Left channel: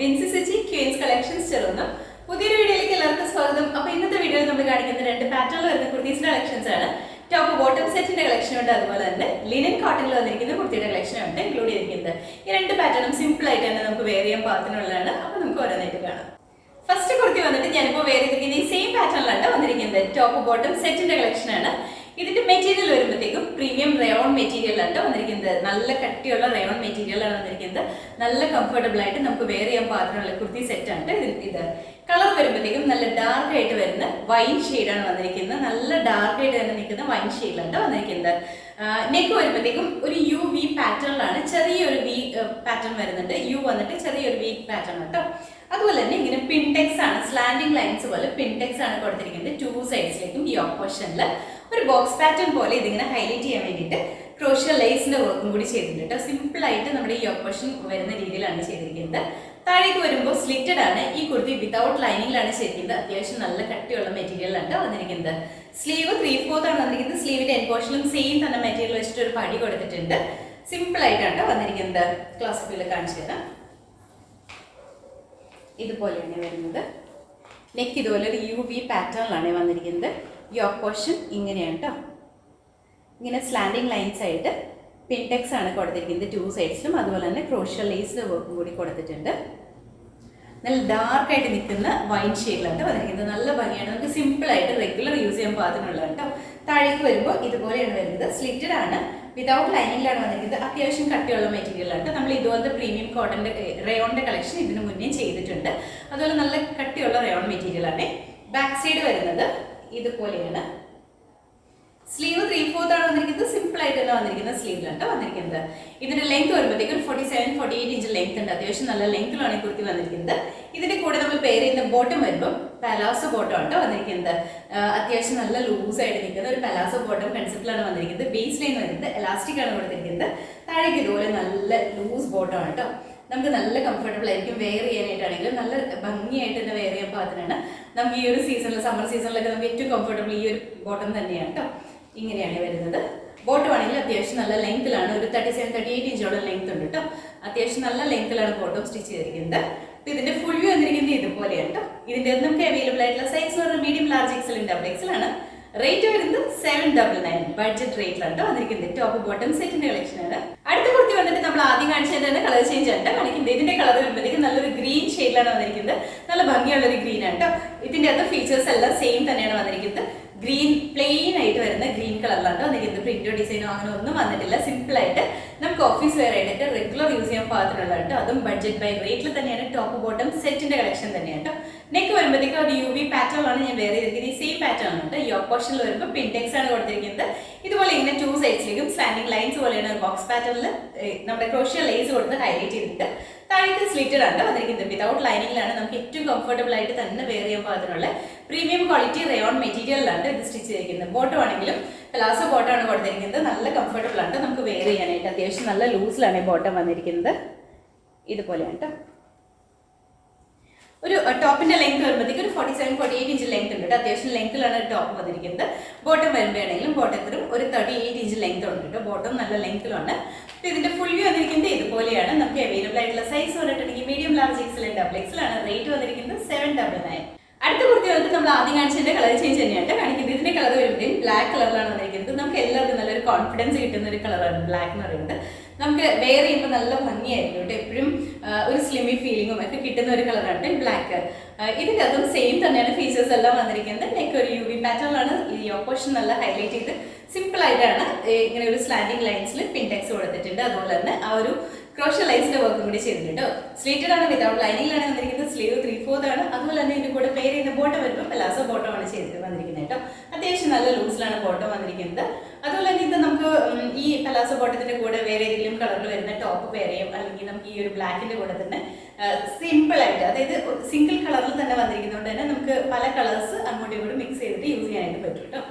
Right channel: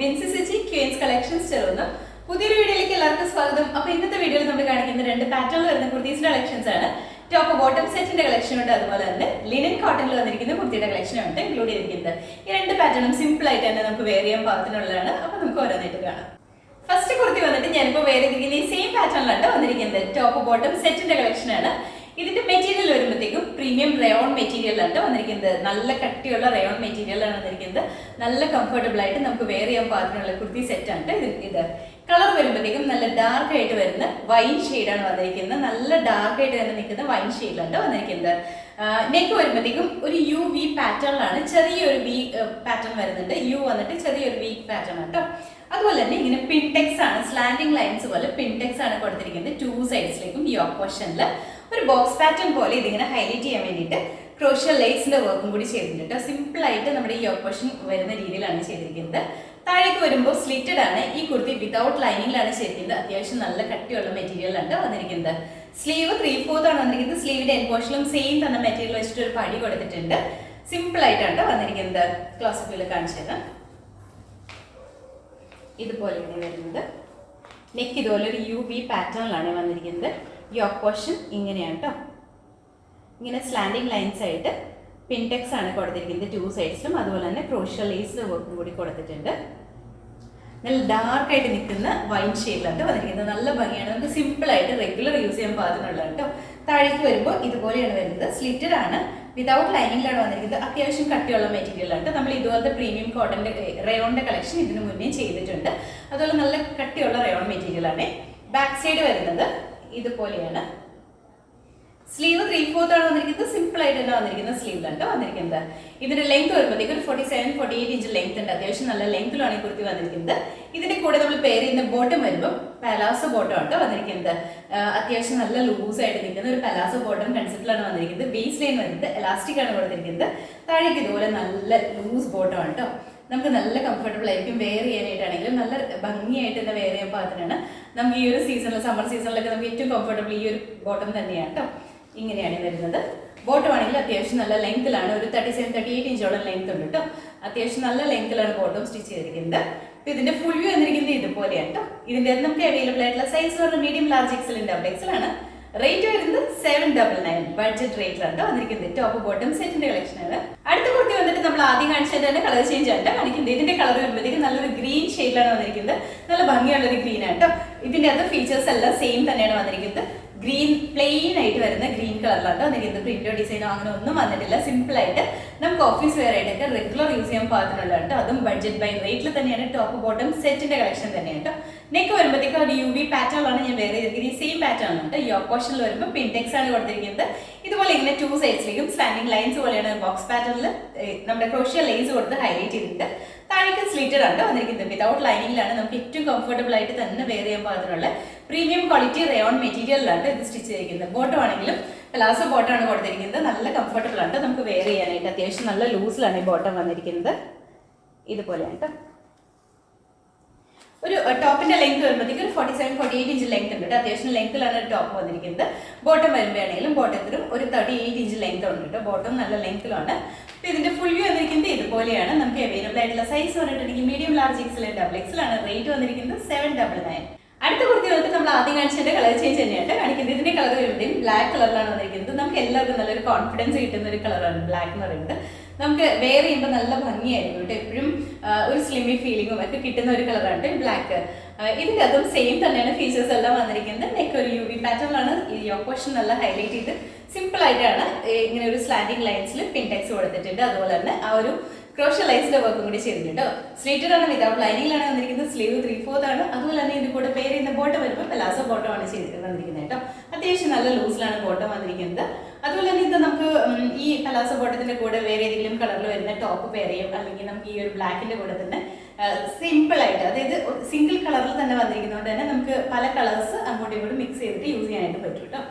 Binsi സെച്ചി Queen's collections ചേർന്ന് പുതിയൊരു വീഡിയോയിലേക്ക് എല്ലാവർക്കും സ്വാഗതം. അപ്പോൾ ഇന്നത്തെ വീഡിയോയിൽ നമ്മൾ കാണിക്കുന്ന രണ്ട് പാറ്റേണിൽ വരുന്ന കുർത്തീസിന്റെ കളക്ഷൻസ് ആണ്. ടോപ്പ് ബോട്ടം സെറ്റിന്റെ കളക്ഷൻ ഉണ്ട്, അതുപോലെ തന്നെ ലിനൻ കോട്ടണിൽ വന്നിരിക്കുന്ന കുർത്തിയുടെ കളക്ഷൻ ഉണ്ട് ഇൻക്ലൂഡ് ചെയ്തിരിക്കുന്നത്. ഈ രണ്ട് പാറ്റേണും സിമ്പിൾ ആയിട്ട് തന്നെ നമുക്ക് വെയർ ചെയ്യാൻ പാകത്തിനുള്ളതാണ്. അപ്പോൾ നമുക്ക് ഓരോന്നായിട്ട് കാണാം. ഫസ്റ്റ് കുർത്തി വന്നിട്ട് ഞാനിപ്പോൾ വെയർ ചെയ്തിരിക്കുന്ന ഈ സെയിം പാറ്റേണിലാണ് വന്നിരിക്കുന്നത്. ടോപ്പ് ബോട്ടം സെറ്റിന്റെ കളക്ഷൻ ആണ്. ഇതിന്റെ മെറ്റീരിയൽ വരുമ്പോഴത്തേക്കും പ്രീമിയം റയോൺ മെറ്റീരിയലാണ് വന്നിരിക്കുന്നത്. നല്ല കട്ടിയുള്ള റയോൺ മെറ്റീരിയലാണ് വന്നിരിക്കുന്നത്. നല്ല കംഫർട്ടബിൾ ആയിട്ട് നമുക്ക് വെയർ ചെയ്യാൻ പാകത്തിനുള്ള കുർത്തി സെറ്റാണ് ഇത്. കളർ വരുമ്പോഴത്തേക്കും നല്ല ഡാർക്ക് ആയിട്ട് വരുന്ന വൈൻ ഷെയ്ഡാണ് വന്നിരിക്കുന്നത്. നല്ല ഡാർക്ക് ആയിട്ട് തന്നെ നിൽക്കുന്ന വൈൻ ഷെയ്ഡിലാണ് വന്നിരിക്കുന്നത്. നെക്ക് വരുമ്പോഴത്തേക്കും ഒരു യു വി പാറ്റേണിലാണ്, ചെറിയൊരു വി പാറ്റേൺ വരുന്നുണ്ട്. യു വന്നിട്ട് ചെറിയൊരു വി പാറ്റേൺ കേട്ടോ. അതുപോലെ തന്നെ ഇങ്ങനെ പിൻടെക്സ് ആണ്, സ്ലാൻഡിങ് ലൈൻസ് പോലെ പിൻടെക്സ് ആണ് കൊടുത്തിരിക്കുന്നത്. ടു സൈഡ്സിലേക്കും ഈ ഓപ്പോഷനിൽ ഒരു ബോക്സ് പാറ്റേൺ പോലെ ഇതിങ്ങനെ ഹൈലൈറ്റ് ചെയ്യാൻ വേണ്ടിയിട്ട് ക്രോഷ്യ ലേസിന്റെ വർക്കും കൂടി ചെയ്തിട്ടുണ്ട്. സിമ്പിൾ ആയിട്ട് നമ്മുടെ ഈ ഓപ്പോഷൻ വരുന്ന രീതിയിലാണ് ചെയ്തിരിക്കുന്നത്. താഴേക്ക് വരുമ്പോൾ സ്ലിറ്റഡ് ആണ്. ഈ കുർത്തി വിതൗട്ട് ലൈനിങ്ങിലാണ് ചെയ്തിരിക്കുന്നത്. അത്യാവശ്യം നല്ല കട്ടിയുള്ള മെറ്റീരിയലാണ് വന്നിരിക്കുന്നത്. സ്ലീവ് 3/4 ആണ് വന്നിരിക്കുന്നത്. സ്ലീവിന്റെ എൻ പോർഷനിലും സെയിം തന്നെ മെറ്റീരിയൽ വെച്ചിട്ട് ഒരു പടി കൊടുത്തിട്ടുണ്ട്. സിമ്പിൾ ആയിട്ടാണ് വന്നിരിക്കുന്നത്. ക്ലോസപ്പിൽ കാണിച്ചു തരാം. ഇതുപോലെയാണ് വരുന്നത്. നെക്ക് ഇതുപോലെ ഒരു യു വി പാറ്റേണിലാണ് വന്നിരിക്കുന്നത്. യോക്ക് പോർഷൻ ഇങ്ങനെയാണ് കേട്ടോ. ഇങ്ങനെ സ്ലാൻഡിങ് ലൈൻസ് ആയിട്ട് പിൻടെക്സ് ആണ് കൊടുത്തിരിക്കുന്നത് ടു സൈഡ്സിലും. അതുപോലെ തന്നെ ക്രോഷ്യ ലേസിന്റെ വർക്കും കൂടി കൊടുത്തിട്ടുണ്ട്. നല്ല ഡാർക്ക് ആയിട്ട് നിൽക്കുന്ന വൈൻ ഷെയ്ഡിലാണ് വന്നിരിക്കുന്നത്. നല്ല ഭംഗിയാണ്. നമുക്ക് സിമ്പിൾ ആയിട്ട് റെഗുലർ യൂസ് ചെയ്യാൻ പാകത്തിനുള്ളതാണ് കേട്ടോ. താഴേക്ക് വരുമ്പോൾ ഇതുപോലെയാണ് വരുന്നത്. സ്ലിറ്റഡ് ആണ്, വിതൗട്ട് ലൈനിങ്ങിലാണ് വന്നിരിക്കുന്നത്. അത്യാവശ്യം കട്ടിയുള്ള മെറ്റീരിയലാണ്. നമ്മൾ ഇതുപോലത്തെ പ്രീമിയം കോട്ടന്റെ റയോണിന്റെ കളക്ഷൻ ഇതിനു മുന്നേ ചെയ്തിട്ടുണ്ട്. അതുപോലെ നല്ല കട്ടിയുള്ള റയോൺ മെറ്റീരിയലാണ്. ബാക്ക് സൈഡ് വരുന്നത് ഇതുപോലെയാണ്. സ്ലീവ് 3/4 ആണ് വന്നിരിക്കുന്നത്. സിമ്പിൾ ആയിട്ട് തന്നെ വന്നിരിക്കുന്ന സ്ലീവിലാണ് വന്നിരിക്കുന്നത്. ഇതിന്റെ ലെങ്ത് വരുമ്പോഴത്തേക്ക് ഒരു 47-48 ഇഞ്ച് ലെങ്ത് ഉണ്ട്. അത്യാവശ്യം നല്ല ലെങ്ത്തിലാണ് ഈ കുർത്തി വന്നിരിക്കുന്നത്. ഇതിന്റെ കൂടെ നമ്മൾ പെയർ ചെയ്യുന്ന ബോട്ടം വരുമ്പോൾ പലാസോ ബോട്ടം ആണ് വന്നിരിക്കുന്നത്. അത്യാവശ്യം നല്ല ലൂസ് ആയിട്ട് നിൽക്കുന്ന ഒരു പലാസോ ബോട്ടം കൺസെപ്റ്റിലാണ് വന്നിരിക്കുന്നത്. ബേസ് ലൈൻ വരുന്നത് എലാസ്റ്റിക് ആണ് കൊടുത്തിരിക്കുന്നത്. താഴേക്ക് ഇതുപോലെ നല്ല ലൂസ് ബോട്ടം ആണ് കേട്ടോ. നമുക്ക് നല്ല കംഫർട്ടബിൾ ആയിരിക്കും വെയർ ചെയ്യാനായിട്ടാണെങ്കിലും നല്ല ഭംഗിയായിട്ട് തന്നെ വെയർ ചെയ്യാൻ പാകത്തിനാണ്. നമുക്ക് ഈ ഒരു സീസണിൽ, സമ്മർ സീസണിലൊക്കെ നമുക്ക് ഏറ്റവും കംഫർട്ടബിൾ ഈ ഒരു ബോട്ടം തന്നെയാണ് കേട്ടോ. ഇങ്ങനെയാണ് വരുന്നത്. ബോട്ടം ആണെങ്കിൽ അത്യാവശ്യം നല്ല ലെങ്ത്തിലാണ്. ഒരു 37-38 ഇഞ്ചോളം ലെങ്ത് ഉണ്ട് കേട്ടോ. അത്യാവശ്യം നല്ല ലെങ്ത്തിലാണ് ബോട്ടം സ്റ്റിച്ച് ചെയ്തിരിക്കുന്നത്. അപ്പോൾ ഇതിന്റെ ഫുൾ വ്യൂ വന്നിരിക്കുന്നത് ഇതുപോലെയാണ് കേട്ടോ. ഇതിന്റെ നമുക്ക് അവൈലബിൾ ആയിട്ടുള്ള സൈസ് പറഞ്ഞാൽ medium, large, XL, double XL ആണ്. റേറ്റ് വരുന്നത് 799 ബഡ്ജറ്റ് റേറ്റിലാണ് വന്നിരിക്കുന്നത്. ടോപ്പ് ബോട്ടം സെറ്റിന്റെ കളക്ഷൻ ആണ്. അടുത്ത കുർത്തി വന്നിട്ട് നമ്മൾ ആദ്യം കാണിച്ചതിന്റെ കളർ ചേഞ്ച് ആണ് കാണിക്കുന്നത്. ഇതിന്റെ കളർ വരുമ്പോഴത്തേക്കും നല്ലൊരു ഗ്രീൻ ഷെയ്ഡിലാണ് വന്നിരിക്കുന്നത്. നല്ല ഭംഗിയുള്ള ഒരു ഗ്രീൻ ആണ് കേട്ടോ. ഇതിന്റെ അകത്ത് ഫീച്ചേഴ്സ് എല്ലാം സെയിം തന്നെയാണ് വന്നിരിക്കുന്നത്. ഗ്രീൻ പ്ലെയിൻ ആയിട്ട് വരുന്ന ഗ്രീൻ കളറിലാണ് വന്നിരിക്കുന്നത്. പ്രിന്റോ ഡിസൈനോ അങ്ങനെ ഒന്നും വന്നിട്ടില്ല. സിമ്പിൾ ആയിട്ട് നമുക്ക് ഓഫീസ് വെയർ ആയിട്ടൊക്കെ റെഗുലർ യൂസ് ചെയ്യാൻ പാകത്തിനുള്ള കേട്ടോ. അതും ബഡ്ജറ്റ് ബൈ റേറ്റിൽ തന്നെയാണ്. ടോപ്പ് ബോട്ടം സെറ്റിന്റെ കളക്ഷൻ തന്നെയാണ് കേട്ടോ. നെക്ക് വരുമ്പോഴത്തേക്കും ഒരു യു വി പാറ്റേണിലാണ് ഞാൻ വെയർ ചെയ്തിരിക്കുന്നത്. ഈ സെയിം പാറ്റേൺ ആണ്. ഈ ഓപ്പോഷനിൽ വരുമ്പോൾ പിൻടെക്സ് ആണ് കൊടുത്തിരിക്കുന്നത്. ഇതുപോലെ ഇങ്ങനെ ടു സൈഡ്സിലേക്കും സ്റ്റാൻഡിങ് ലൈൻസ് പോലെയാണ് ബോക്സ് പാറ്റേണിൽ നമ്മുടെ ക്രോഷ്യ ലേസ് കൊടുത്ത് ഹൈലൈറ്റ് ചെയ്തിട്ട് താഴേക്ക് സ്ലിറ്റഡ് ആണ് വന്നിരിക്കുന്നത്. വിതൗട്ട് ലൈനിങ്ങിലാണ്. നമുക്ക് ഏറ്റവും കംഫർട്ടബിൾ ആയിട്ട് തന്നെ വെയർ ചെയ്യാൻ പാകത്തിനുള്ള പ്രീമിയം ക്വാളിറ്റി റയോൺ മെറ്റീരിയലിലാണ് ഇത് സ്റ്റിച്ച് ചെയ്തിരിക്കുന്നത്. ബോട്ടം ആണെങ്കിലും പലാസോ ബോട്ടം ആണ് കൊടുത്തിരിക്കുന്നത്. നല്ല കംഫർട്ടബിൾ ആണ് നമുക്ക് വെയർ ചെയ്യാനായിട്ട്. അത്യാവശ്യം നല്ല ലൂസിലാണ് ഈ ബോട്ടം വന്നിരിക്കുന്നത്. ഇതുപോലെയാണ് കേട്ടോ. ഒരു ടോപ്പിന്റെ ലെങ്ത് വരുമ്പോഴത്തേക്ക് ഒരു 47-48 ഇഞ്ച് ലെങ്ത് ഉണ്ട്. അത്യാവശ്യം ലെങ്ത്തിലാണ് ടോപ്പ് വന്നിരിക്കുന്നത്. ബോട്ടം വരുമ്പോഴാണെങ്കിലും ബോട്ടത്തിലും ഒരു 38 ഇഞ്ച് ലെങ്ത് ഉണ്ട് കേട്ടോ. ബോട്ടം നല്ല ലെങ്ത്തിലാണ്. അപ്പോൾ ഇതിന്റെ ഫുൾ വ്യൂ വന്നിരിക്കുന്നത് ഇതുപോലെയാണ്. നമുക്ക് അവൈലബിൾ ആയിട്ടുള്ള സൈസ് പറഞ്ഞിട്ടുണ്ടെങ്കിൽ medium, large, XL, double XL ആണ്. റേറ്റ് വന്നിരിക്കുന്നത് 799. അടുത്ത കുർത്തി വന്നിട്ട് നമ്മൾ ആദ്യം കാണിച്ചതിന്റെ കളർ ചേഞ്ച് തന്നെയാണ് കാണിക്കുന്നത്. ഇതിന്റെ കളർ വരുമ്പോഴത്തേക്കും ബ്ലാക്ക് കളറിലാണ് വന്നിരിക്കുന്നത്. നമുക്ക് എല്ലാവർക്കും നല്ലൊരു കോൺഫിഡൻസ് കിട്ടുന്ന ഒരു കളറാണ് ബ്ലാക്ക് എന്ന് പറയുന്നത്. നമുക്ക് വെയർ ചെയ്യുമ്പോൾ നല്ല ഭംഗിയായിരിക്കും കേട്ടോ. എപ്പോഴും ഒരു സ്ലിമി ഫീലിങ്ങും ഒക്കെ കിട്ടുന്ന ഒരു കളറാണ് ബ്ലാക്ക്. ഇതിൻ്റെ അതും സെയിം തന്നെയാണ് ഫീച്ചേഴ്സ് എല്ലാം വന്നിരിക്കുന്നത്. നെക്ക് ഒരു യു വി പാറ്റേണിലാണ്. ഈ ഓപ്പോഷൻ നല്ല ഹൈലൈറ്റ് ചെയ്ത് സിമ്പിൾ ആയിട്ടാണ് ഇങ്ങനെ ഒരു സ്ലാൻഡിങ് ലൈൻസിൽ പിൻടെക്സ് കൊടുത്തിട്ടുണ്ട്. അതുപോലെ തന്നെ ആ ഒരു ക്രോഷ്യ ലൈൻസിന്റെ വർക്കും കൂടി ചെയ്തിട്ടുണ്ട്. സ്ട്രേറ്റഡ് ആണ്, വിതൗട്ട് ലൈനിങ്ങിലാണ് വന്നിരിക്കുന്നത്. സ്ലീവ് 3/4 ആണ്. അതുപോലെ തന്നെ ഇതിന് കൂടെ പെയർ ചെയ്യുന്ന ബോട്ടം വരുമ്പോൾ പലാസോ ബോട്ടം ആണ് വന്നിരിക്കുന്നത് കേട്ടോ. അത്യാവശ്യം നല്ല ലൂസിലാണ് ബോട്ടം വന്നിരിക്കുന്നത്. അതുപോലെ തന്നെ ഇത് നമുക്ക് ഈ പലാസോ ബോട്ടത്തിന്റെ കൂടെ വേറെ ഏതെങ്കിലും കളറിൽ വരുന്ന ടോപ്പ് പെയർ ചെയ്യും. അല്ലെങ്കിൽ നമുക്ക് ഈ ഒരു ബ്ലാക്കിന്റെ കൂടെ തന്നെ സിമ്പിൾ ആയിട്ട്, അതായത് സിംഗിൾ കളറിൽ തന്നെ വന്നിരിക്കുന്നതുകൊണ്ട് തന്നെ നമുക്ക് പല കളേഴ്സ് അങ്ങോട്ടും ഇങ്ങോട്ടും മിക്സ് ചെയ്തിട്ട് യൂസ് ചെയ്യാനായിട്ട് പറ്റും കേട്ടോ.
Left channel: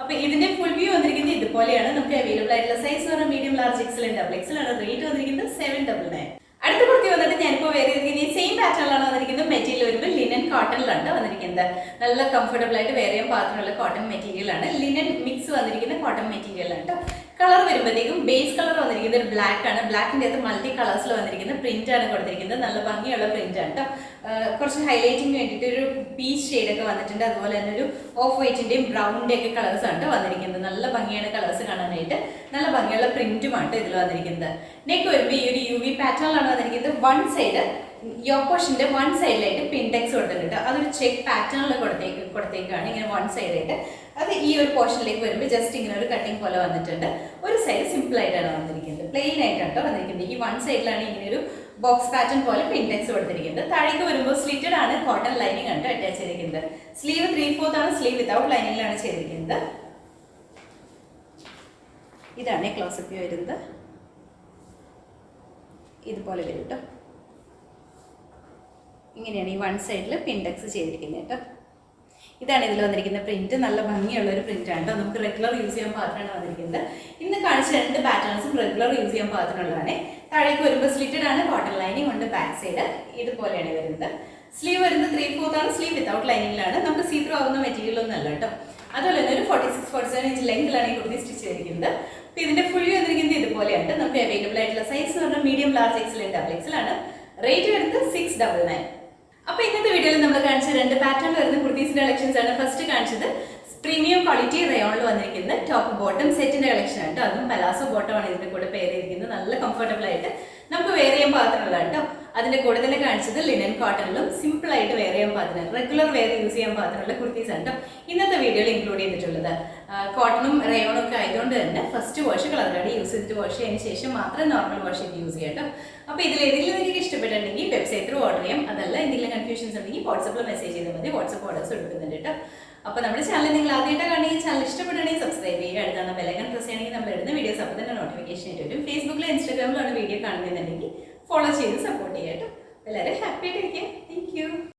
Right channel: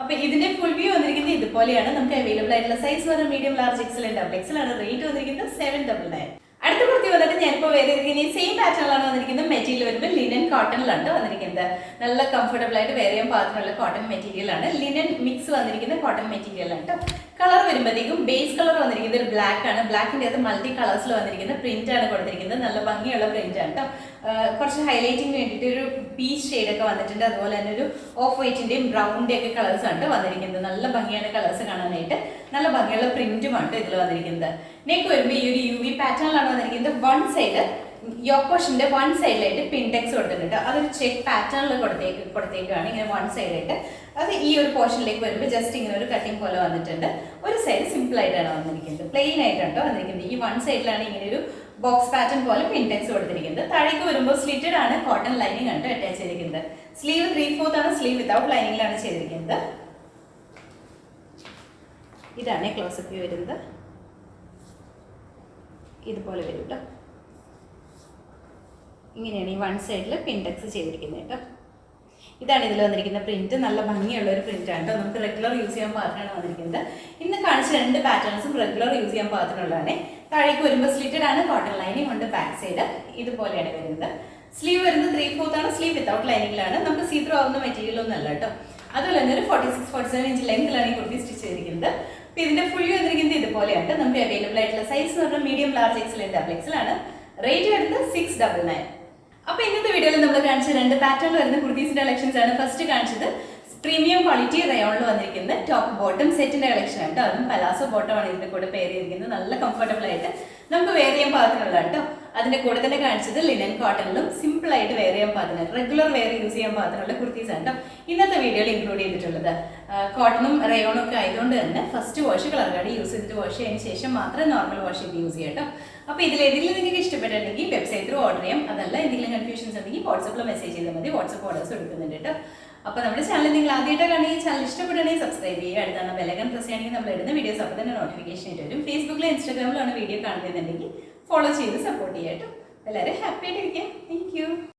അപ്പോൾ ഇതിന്റെ ഫുൾ വ്യൂ വന്നിരിക്കുന്നത് ഇതുപോലെയാണ്. നമുക്ക് അവൈലബിൾ ആയിട്ടുള്ള സൈസ് പറഞ്ഞാൽ medium, large, XL, double XL ആണ്. റേറ്റ് വന്നിരിക്കുന്നത് 799. അടുത്ത കുർത്തി വന്നിട്ട് ഞാനിപ്പോൾ ഇപ്പോൾ വേറെ ഈ സെയിം പാറ്റേണിലാണ് വന്നിരിക്കുന്നത്. മെറ്റീരിയൽ വരുമ്പോൾ ലിനൻ കോട്ടണിലാണ് വന്നിരിക്കുന്നത്. നല്ല കംഫർട്ടബിൾ ആയിട്ട് വേറെ ചെയ്യാൻ പാകത്തിനുള്ള കോട്ടൺ മെറ്റീരിയലാണ്. ലിനൻ മിക്സ് വന്നിരിക്കുന്ന കോട്ടൺ മെറ്റീരിയലാണ് കേട്ടോ. കളർ വരുമ്പോഴത്തേക്കും ബേസ് കളർ വന്നിരിക്കുന്നത് ഒരു ബ്ലാക്ക് ആണ്. ബ്ലാക്കിൻ്റെ അത് മൾട്ടി കളേഴ്സിൽ വന്നിരിക്കുന്ന പ്രിന്റ് ആണ് കൊടുത്തിരിക്കുന്നത്. നല്ല ഭംഗിയുള്ള പ്രിന്റ് ആണ് കേട്ടോ. കുറച്ച് ഹൈലൈറ്റിങ്ങിന് വേണ്ടിയിട്ട് ഒരു പീച്ച് ഷെയ്ഡൊക്കെ വന്നിട്ടുണ്ട്. അതുപോലെ തന്നെ ഒരു ഓഫ് വൈറ്റിൻ്റെയും ബ്രൗണിൻ്റെ ഒക്കെ കളേഴ്സ് ആണ് വന്നിരിക്കുന്നത്. നല്ല ഭംഗിയാണ് കളേഴ്സ് കാണാനായിട്ട്. നല്ല ഭംഗിയുള്ള പ്രിന്റുമാണ് ഇതിൽ വന്നിരിക്കുന്നത്. നെക്ക് വരുമ്പോൾ ഈ ഒരു UV പാറ്റേണിലാണ് വന്നിരിക്കുന്നത്. വൺ സൈഡ് യോക്ക് പോർഷൻ്റെ വൺ സൈഡിലായിട്ട് പിൻടെക്സ് കൊടുത്തിട്ടുണ്ട്. അതൊരു ചെക്ക് പാറ്റേണിൽ കൊടുത്തേക്കാണ് ഇങ്ങനെ വൺ സൈഡായിട്ട്. അത് ഈ ഒരു പോർഷനിലേക്ക് വരുമ്പോൾ ജസ്റ്റ് ഇങ്ങനെ ഒരു കട്ടിങ് പോലെ വന്നിട്ടുണ്ട്. ഒരു സൈഡ് സിമ്പിൾ ആയിട്ടാണ് വന്നിരിക്കുന്നത്. പ്ലെയിൻ ആയിട്ടാണ് വന്നിരിക്കുന്നത്. ഈ വൺ സൈഡിലാണ് ഇങ്ങനെ ഒരു ബോക്സ് പാറ്റേൺ പോലെ പിൻടെക്സ് കൊടുത്തിരിക്കുന്നത്. താഴേക്ക് വരുമ്പോൾ സ്ലിറ്റഡ് ആണ്, കോട്ടൺ ലൈനിങ് ആണ് അറ്റാച്ച് ചെയ്തിരിക്കുന്നത്. സ്ലീവ് 3/4 ആണ്. സ്ലീവ് വിതൗട്ട് ലൈനിങ്ങിലാണ് ചെയ്തിരിക്കുന്നത്. ഇതാണ് ക്ലോസപ്പ് വരുന്നത്. ഇതുപോലെ വരും കേട്ടോ. ഇങ്ങനെയാണ് ഈ വൺ സൈഡിൽ പിൻടെക്സ് ചെയ്തിരിക്കുന്നത് കേട്ടോ. ഇതാണ് ഇതിൽ വന്നിരിക്കുന്ന പ്രിന്റ്. നല്ല ഭംഗിയുള്ള ഒരു പ്രിന്റ് ആണ് കേട്ടോ. നമുക്ക് റെഗുലർ യൂസ് ചെയ്യാൻ പാകത്തിനാണ് വന്നിരിക്കുന്നത്. ഇന്ന് കാണിച്ച രണ്ട് പാറ്റേൺസും റെഗുലർ യൂസ് ചെയ്യാൻ പാകത്തിനുള്ളതാണ്. താഴേക്ക് വരുമ്പോൾ സ്ലിറ്റഡ് ആണ്, കോട്ടൺ ലൈനിങ് ഉണ്ട്. ബാക്ക് സൈഡ് ഇതുപോലെയാണ് വരുന്നത്. സ്ലീവ് വരുന്നത് 3/4 ആണ്. സ്ലീവ് വിതൗട്ട് ലൈനിങ്ങിലാണ്. നമുക്ക് സീത്രോ ആവുന്ന മെറ്റീരിയൽ ഒന്നും അല്ല കേട്ടോ. അതുപോലെ തന്നെ ഒരു 46-47 ഇഞ്ച് ലെങ്തിലാണ് ഈ കുർത്തി സ്റ്റിച്ച് ചെയ്തിരിക്കുന്നത്. അപ്പോൾ ഇതിന്റെ ഫുൾ വന്നിരിക്കുന്നത് ഇതുപോലെയാണ്. നമുക്ക് അവൈലബിൾ ആയിട്ടുള്ള സൈസ് എന്ന് പറഞ്ഞാൽ medium, large, XL, double XL ആണ്. റേറ്റ് വരുന്നത് 699. അപ്പോൾ ഇന്നത്തെ വീഡിയോയിൽ നമ്മൾ കാണിച്ച രണ്ട് പാറ്റേൺ വരുന്ന കുർത്തീസിന്റെ കളക്ഷൻസ് ആണ്. ഫസ്റ്റ് കാണിച്ചത് പ്രീമിയം ക്വാളിറ്റി റയോണിൽ വന്നിരിക്കുന്നത് ടോപ്പ് ബോട്ടം സെറ്റിന്റെ കളക്ഷൻ ആണ് കേട്ടോ. അതും പലാസോ ബോട്ടം ആണ് ഇതിന്റെ കൂടെ പെയർ ചെയ്തിരിക്കുന്നത്. നല്ല കംഫർട്ടബിൾ ആയിട്ട് നമുക്ക് വെയർ ചെയ്യാൻ പാകത്തിനുള്ള കേട്ടോ. അതിന്റെ കൂടെ തന്നെ കാണിച്ചത് ലിനൻ കോട്ടണിലും സിമ്പിൾ ആയിട്ട് വെയർ ചെയ്യാൻ പാകത്തിന്, റെഗുലർ വെയർ യൂസ് ചെയ്യാൻ പാകത്തിനുള്ള കുർത്തീസ് ആണ് കേട്ടോ ഇന്നത്തെ വീഡിയോയിൽ ഇൻക്ലൂഡ് ചെയ്തിട്ടുള്ളത്. കോട്ടണും റയോണും ഒക്കെ ആയതുകൊണ്ട് തന്നെ first wash colour card use ചെയ്തിട്ട് വാഷ് ചെയ്തതിന് ശേഷം മാത്രം നോർമൽ വാഷ് ചെയ്ത് യൂസ് ചെയ്യാം കേട്ടോ. അപ്പോൾ ഇതിലേതെങ്കിലും നിങ്ങൾക്ക് ഇഷ്ടപ്പെട്ടിട്ടുണ്ടെങ്കിൽ വെബ്സൈറ്റ് ത്രൂ ഓർഡർ ചെയ്യാം. അതല്ല എന്തെങ്കിലും കൺഫ്യൂഷൻസ് ഉണ്ടെങ്കിൽ വാട്സപ്പിൽ മെസ്സേജ് ചെയ്താൽ മതി. വാട്സപ്പ് ഓർഡേഴ്സ് എടുക്കുന്നുണ്ട് കേട്ടോ. അപ്പോൾ നമ്മുടെ ചാനൽ നിങ്ങൾ ആദ്യമായിട്ട് കാണുകയും ചാനൽ ഇഷ്ടപ്പെടുകയാണെങ്കിൽ സബ്സ്ക്രൈബ് ചെയ്യുക. അടുത്താണ് ബെലൈക്കൺ പ്രസ് ചെയ്യുകയാണെങ്കിൽ നമ്മൾ ഇടുന്ന വീഡിയോസ് അപ്പോൾ തന്നെ നോട്ടിഫിക്കേഷൻ ആയിട്ട് വരും. ഫേസ്ബുക്കിലും ഇൻസ്റ്റാഗ്രാമിലാണ് വീഡിയോ കാണുന്നുണ്ടെങ്കിൽ ഫോളോ ചെയ്ത് സപ്പോർട്ട് ചെയ്യാം കേട്ടോ. എല്ലാവരും ഹാപ്പി ആയിട്ടിരിക്കുക.